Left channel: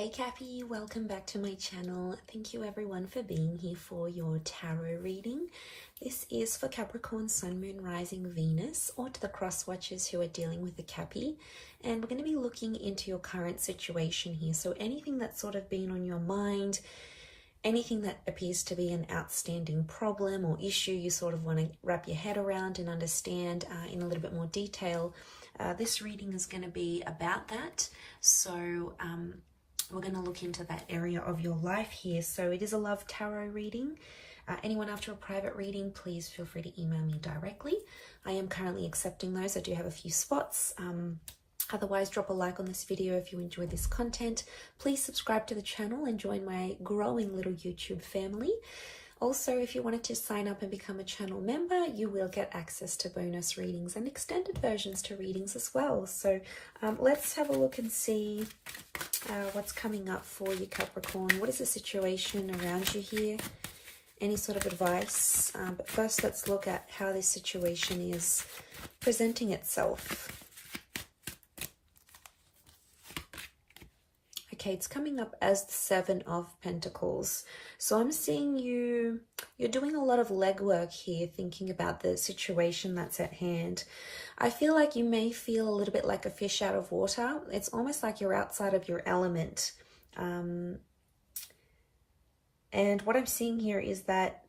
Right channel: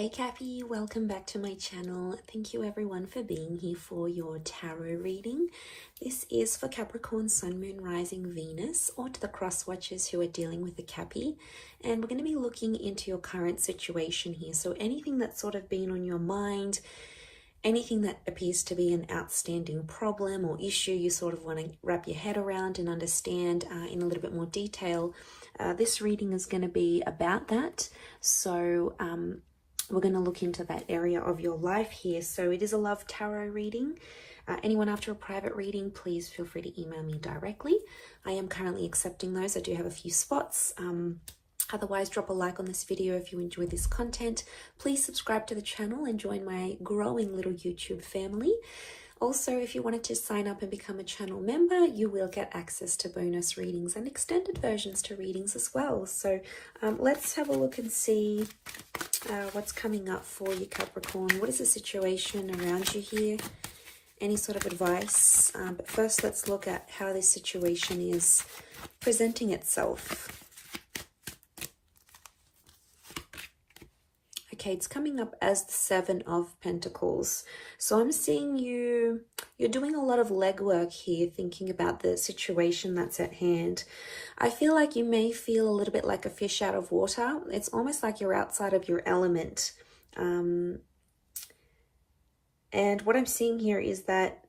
Hey Cappy, welcome back to my channel. Thank you everyone for being here for your tarot reading. This is for Capricorn, Sun, Moon, Rising, Venus, or to the cross watchers who are dealing with a Cappy. And we're going to be looking into your current situation here. So anything that's sort of been on your mind, anything that appears to be an outstanding problem or issue you sort of want to wrap your head around and understand in a little bit more detail. This reading is going to be about that. So we're going to look into that area of your life here. So it is a love tarot reading. Anyone after a private reading, please feel free to email me directly. I am currently accepting those. I do have a few spots. Otherwise, drop a like on this video if you enjoy this content. Please subscribe to the channel and join my growing little YouTube family. Also, if you wanted to sign up and become a channel member, you will get access to bonus readings and extended versions to readings as well. So let's have a look and see what's coming up for you, Capricorn. What is the situation around you here? Any sort of advice? But first, let's look at how this situation is presenting itself. Okay, it's coming up as the Seven of Pentacles. So I'm seeing you're doing a lot of legwork here, thinking about the situation that's at hand. I feel like you may feel a little bit like a fish out of water. It's almost like you're outside of your element. And what I'm seeing here is that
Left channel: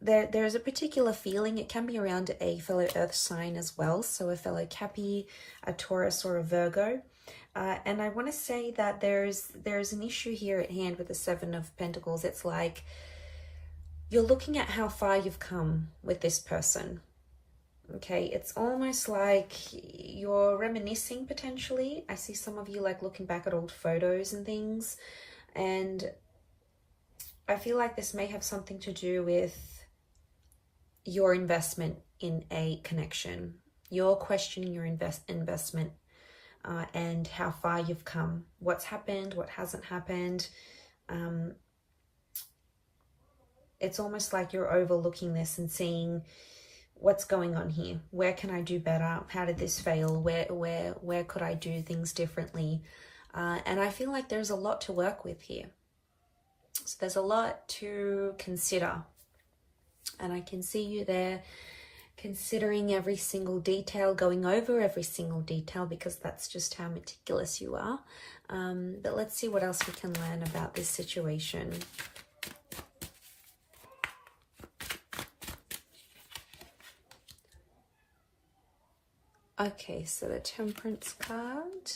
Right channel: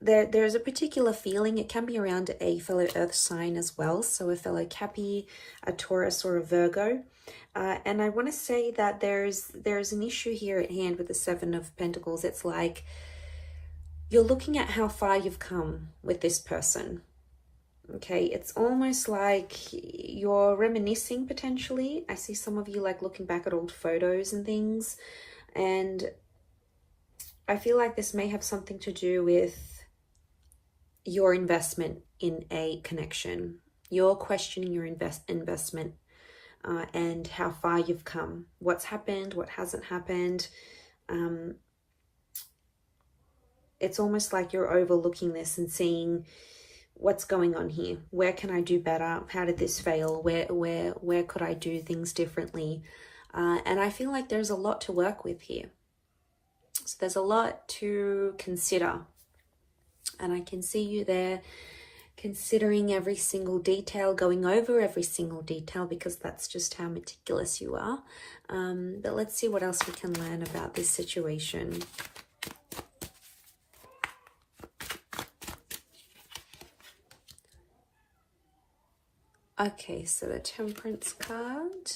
there's a particular feeling. It can be around a fellow earth sign as well. So a fellow Cappy, a Taurus, or a Virgo. And I want to say that there's an issue here at hand with the Seven of Pentacles. It's like you're looking at how far you've come with this person. Okay, it's almost like you're reminiscing potentially. I see some of you like looking back at old photos and things. And I feel like this may have something to do with your investment in a connection. You're questioning your investment. And how far you've come, what's happened, what hasn't happened. It's almost like you're overlooking this and seeing what's going on here. Where can I do better? How did this fail? Where could I do things differently? And I feel like there's a lot to work with here. So there's a lot to consider. And I can see you there considering every single detail, going over every single detail, because that's just how meticulous you are. But let's see what else we can learn about this situation. Okay, so the Temperance card,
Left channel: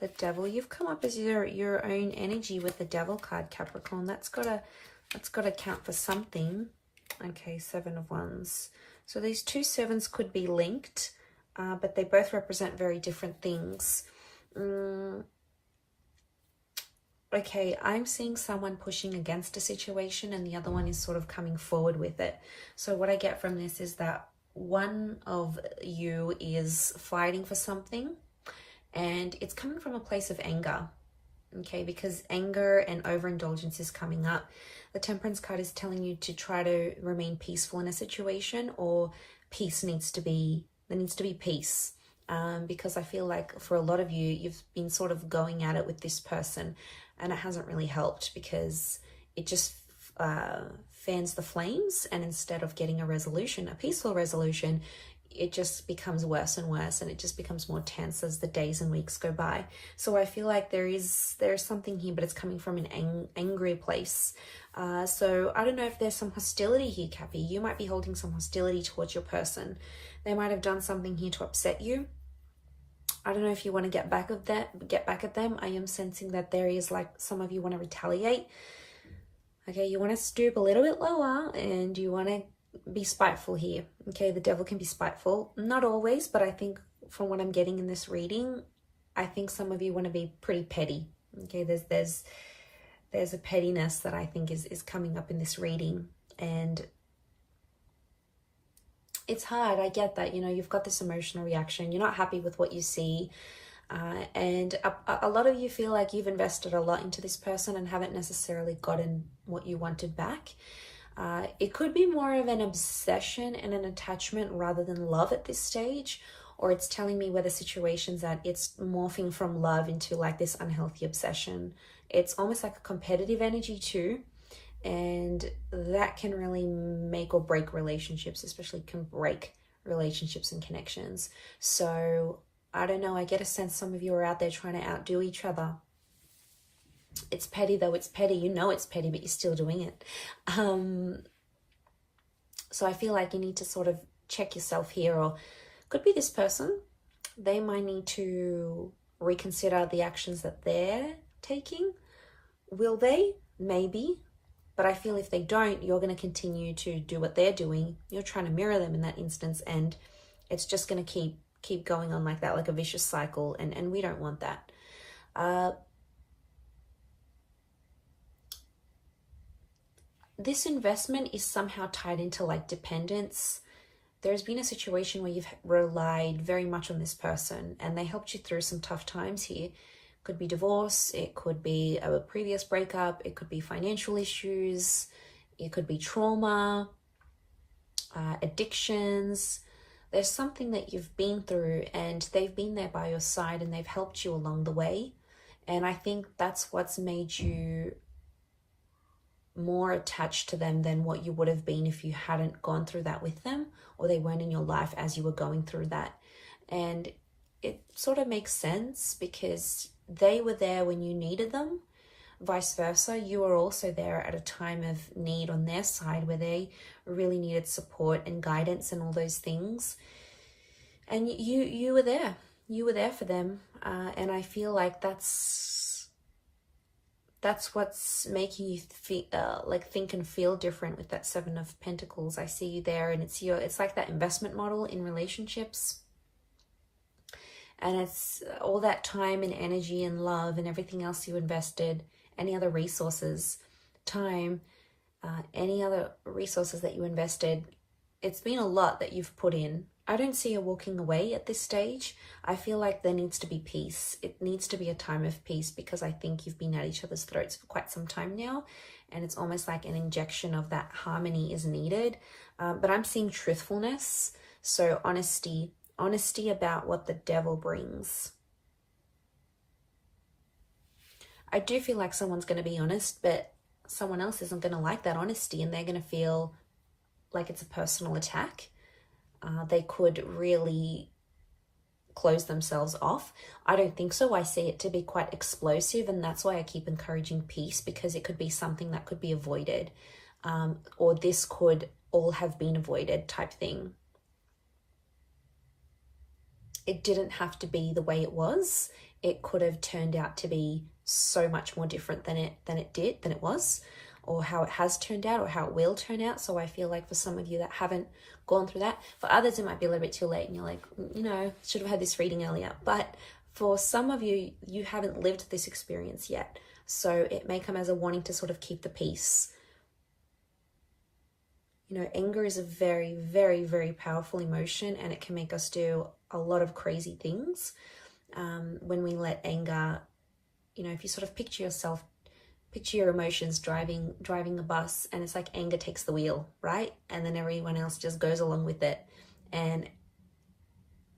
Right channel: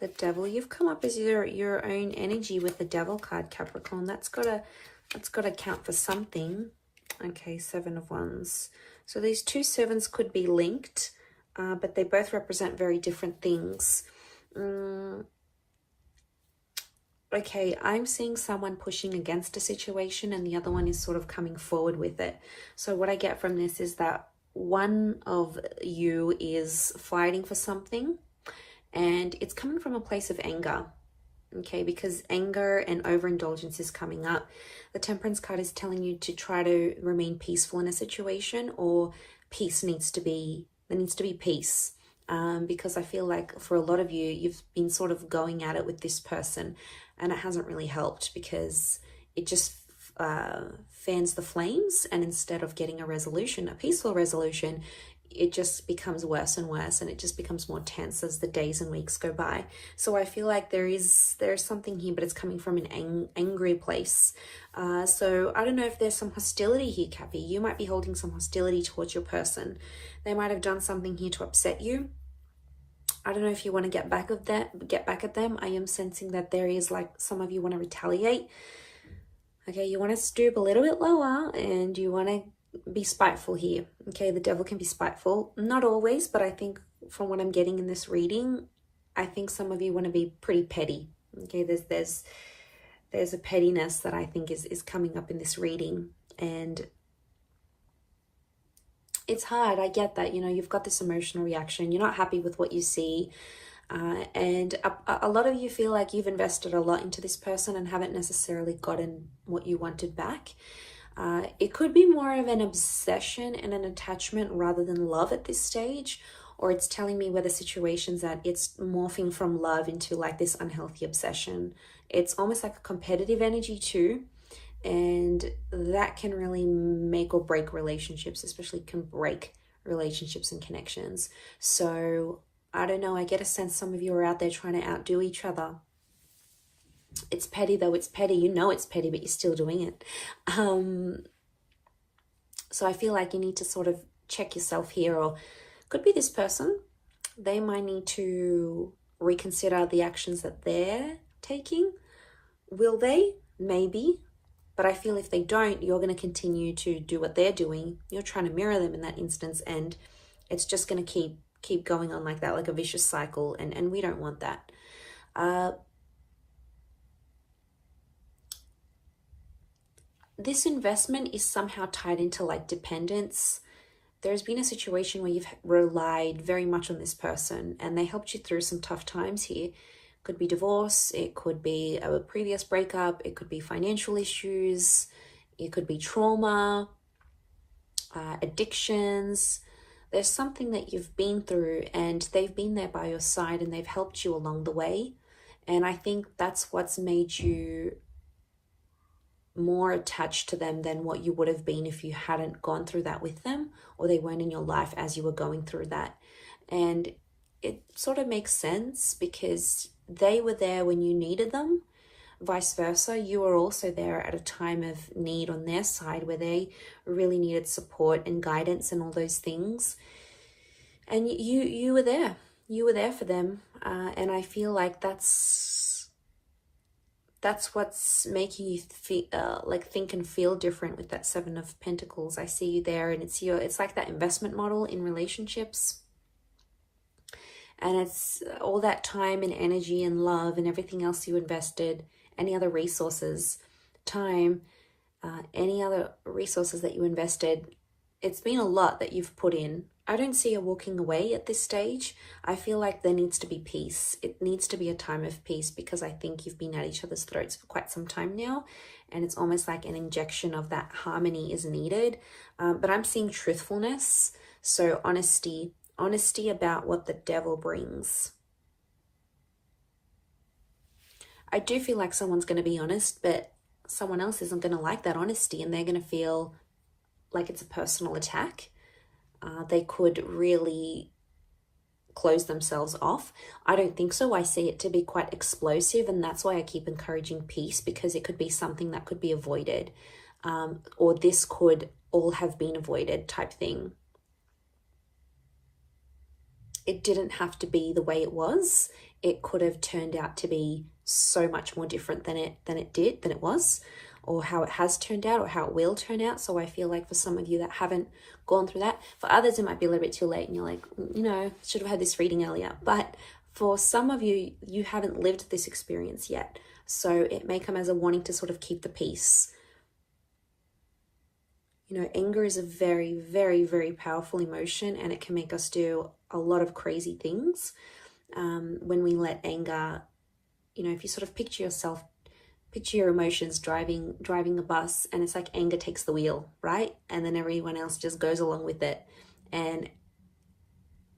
the Devil. You've come up as your own energy with the Devil card, Capricorn. That's gotta count for something. Okay, Seven of Wands. So these two sevens could be linked, but they both represent very different things. Okay, I'm seeing someone pushing against a situation and the other one is sort of coming forward with it. So what I get from this is that one of you is fighting for something and it's coming from a place of anger. Okay, because anger and overindulgence is coming up. The Temperance card is telling you to try to remain peaceful in a situation, or there needs to be peace. Because I feel like for a lot of you, you've been sort of going at it with this person and it hasn't really helped because it just fans the flames, and instead of getting a resolution, a peaceful resolution, it just becomes worse and worse, and it just becomes more tense as the days and weeks go by. So I feel like there's something here, but it's coming from an angry place. So I don't know if there's some hostility here, Cappy. You might be holding some hostility towards your person. They might have done something here to upset you. I don't know if you want to get back at them. I am sensing that there is like some of you want to retaliate. Okay, you want to stoop a little bit lower and you want to be spiteful here. Okay, the Devil can be spiteful. Not always, but I think from what I'm getting in this reading, I think some of you want to be pretty petty. Okay, there's a pettiness that I think is coming up in this reading, and it's hard. I get that, you know, you've got this emotional reaction. You're not happy with what you see. And a lot of you feel like you've invested a lot into this person and haven't necessarily gotten what you wanted back. It could be more of an obsession and an attachment rather than love at this stage, or it's telling me where the situation's at. It's morphing from love into like this unhealthy obsession. It's almost like a competitive energy too, and that can really make or break relationships, especially can break relationships and connections. So I don't know, I get a sense some of you are out there trying to outdo each other. It's petty though, it's petty. You know it's petty, but you're still doing it. So I feel like you need to sort of check yourself here, or could be this person. They might need to reconsider the actions that they're taking. Will they? Maybe. But I feel if they don't, you're going to continue to do what they're doing. You're trying to mirror them in that instance, and it's just going to keep going on like that, like a vicious cycle, and we don't want that. This investment is somehow tied into like dependence. There's been a situation where you've relied very much on this person and they helped you through some tough times here. Could be divorce, it could be a previous breakup, it could be financial issues, it could be trauma, addictions. There's something that you've been through and they've been there by your side and they've helped you along the way. And I think that's what's made you more attached to them than what you would have been if you hadn't gone through that with them, or they weren't in your life as you were going through that. And it sort of makes sense because they were there when you needed them. Vice versa, you were also there at a time of need on their side where they really needed support and guidance and all those things. And you were there. You were there for them. And I feel like that's what's making you feel, like think and feel different with that Seven of Pentacles. I see you there, and it's like that investment model in relationships. And it's all that time and energy and love and everything else you invested, any other resources, time, any other resources that you invested. It's been a lot that you've put in. I don't see you walking away at this stage. I feel like there needs to be peace. It needs to be a time of peace because I think you've been at each other's throats for quite some time now. And it's almost like an injection of that harmony is needed. But I'm seeing truthfulness. So honesty about what the devil brings. I do feel like someone's going to be honest, but someone else isn't going to like that honesty and they're going to feel like it's a personal attack. They could really close themselves off. I don't think so. I see it to be quite explosive, and that's why I keep encouraging peace, because it could be something that could be avoided, or this could all have been avoided type thing. It didn't have to be the way it was. It could have turned out to be so much more different than it was, or how it has turned out, or how it will turn out. So I feel like for some of you that haven't gone through that, for others it might be a little bit too late and you're like, should have had this reading earlier. But for some of you, you haven't lived this experience yet. So it may come as a warning to sort of keep the peace. Anger is a very, very, very powerful emotion, and it can make us do a lot of crazy things. When we let anger, if you sort of picture your emotions driving the bus, and it's like anger takes the wheel, right? And then everyone else just goes along with it. And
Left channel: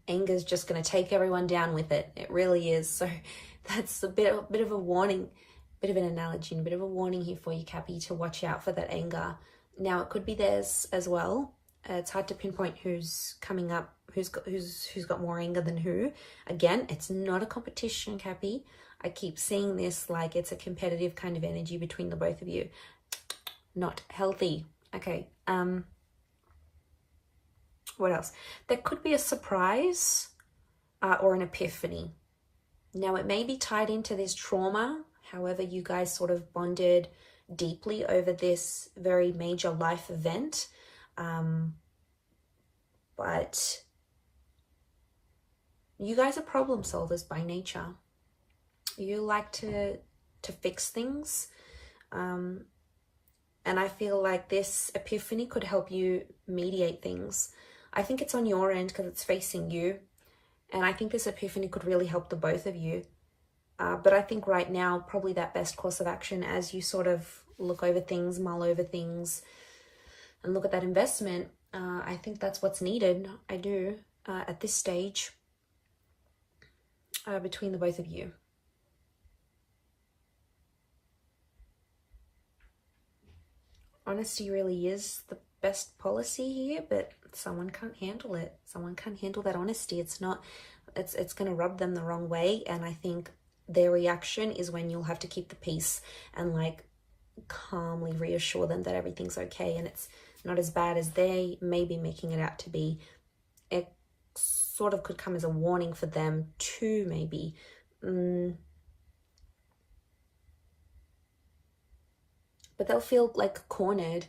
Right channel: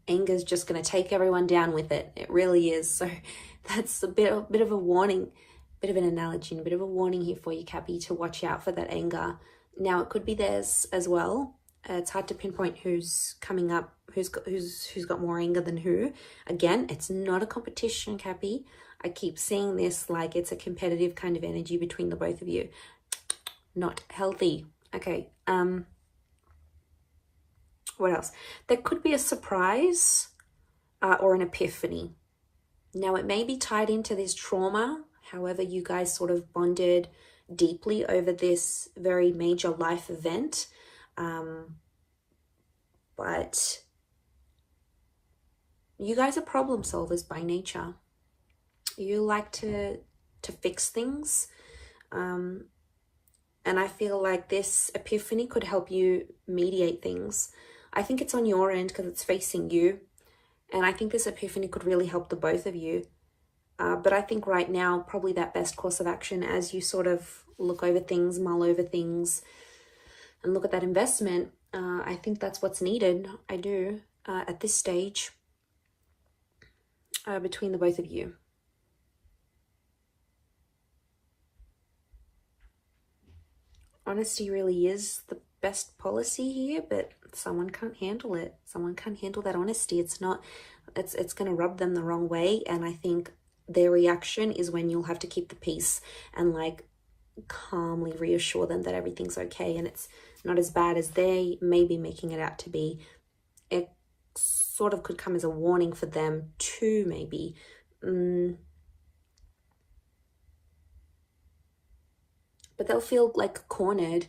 anger is just going to take everyone down with it. It really is. So that's a bit of a warning, bit of an analogy, and a bit of a warning here for you, Cappy, to watch out for that anger. Now, it could be theirs as well. It's hard to pinpoint who's coming up, who's got more anger than who. Again, it's not a competition, Cappy. I keep seeing this like it's a competitive kind of energy between the both of you. Not healthy. Okay. What else? There could be a surprise or an epiphany. Now, it may be tied into this trauma. However, you guys sort of bonded deeply over this very major life event. But you guys are problem solvers by nature. You like to fix things. And I feel like this epiphany could help you mediate things. I think it's on your end because it's facing you. And I think this epiphany could really help the both of you. But I think right now, probably that best course of action as you sort of look over things, mull over things, and look at that investment, I think that's what's needed. I do. at this stage between the both of you. Honesty really is the best policy here, but someone can't handle it. Someone can't handle that honesty. It's going to rub them the wrong way, and I think their reaction is when you'll have to keep the peace and like calmly reassure them that everything's okay and it's not as bad as they may be making it out to be. It sort of could come as a warning for them too, maybe. But they'll feel like cornered.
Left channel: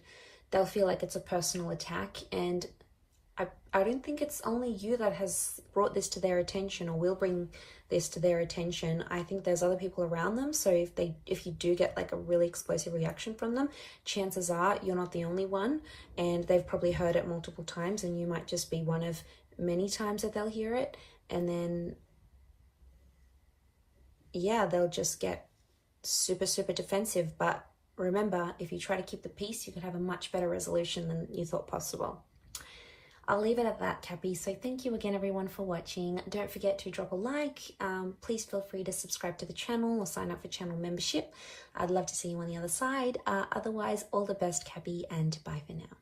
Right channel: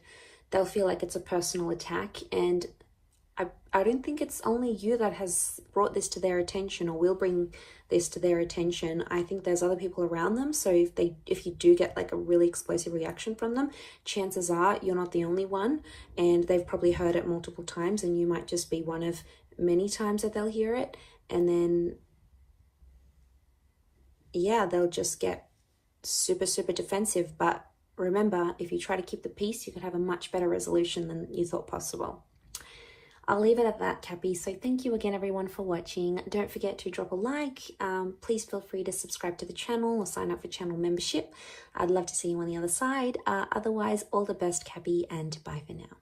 They'll feel like it's a personal attack, and I don't think it's only you that has brought this to their attention or will bring this to their attention. I think there's other people around them. So if you do get like a really explosive reaction from them, chances are you're not the only one, and they've probably heard it multiple times, and you might just be one of many times that they'll hear it. And then, yeah, they'll just get super, super defensive. But remember, if you try to keep the peace, you can have a much better resolution than you thought possible. I'll leave it at that, Cappy. So thank you again, everyone, for watching. Don't forget to drop a like. Please feel free to subscribe to the channel or sign up for channel membership. I'd love to see you on the other side. Otherwise, all the best, Cappy, and bye for now.